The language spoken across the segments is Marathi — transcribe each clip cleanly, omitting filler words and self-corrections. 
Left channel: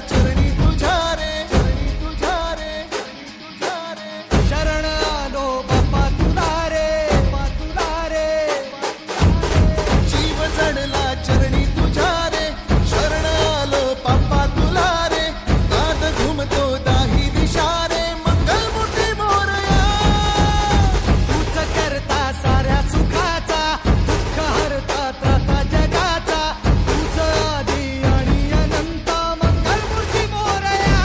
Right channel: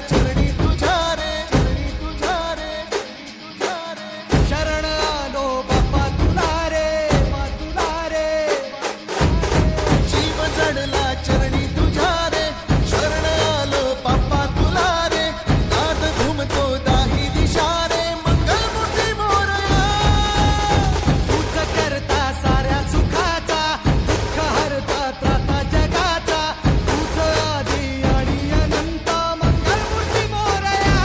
चरणी तुझ्या रे, चरणी तुझ्या रे, तुझ्या रे. शरण आलो बाप्पा तुला रे, बाप्पा तुला रे. जीव जडला चरणी तुझ्या रे, शरण आलो बाप्पा तुला रे. नाद घुमतो दाही दिशा रे, मंगलमूर्ती मोरया. तूच करता साऱ्या सुखाचा, दुःख हरता त्राता जगाचा. तूच आदी आणि अनंत, मंगलमूर्ती मोरया.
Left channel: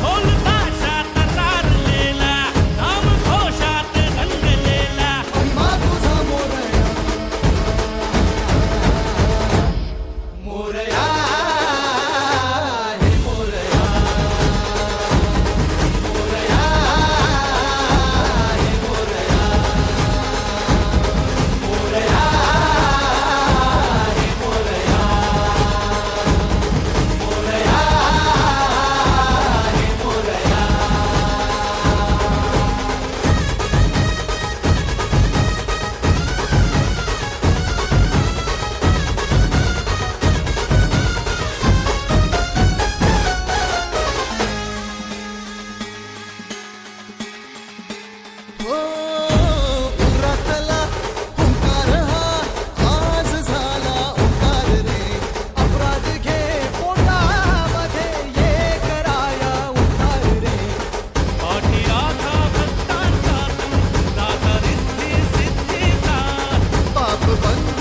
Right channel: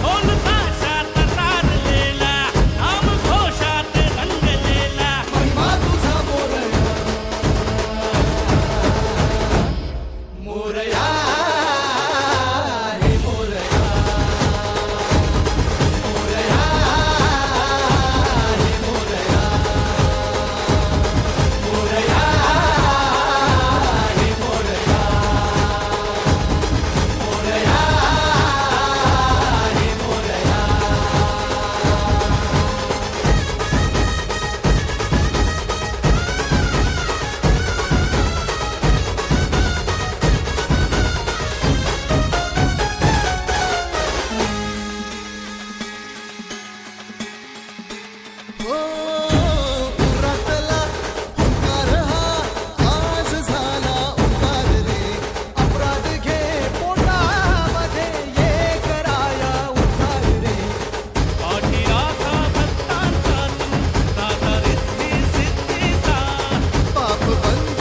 ढोल ताशात तारलेला, नाम घोषात रंगलेला. महिमा तुझा मोरया, मोरया हे मोरया, मोरया हे मोरया, मोरया हे मोरया, मोरया हे मोरया. हो उरातला ओंकार हा आज झाला ओंकार रे. अपराध घे पोटामध्ये, ये कराया उद्धार रे. पाठी राखा भक्तांचा तू, दाता रिद्धी सिद्धीचा. पाप बंद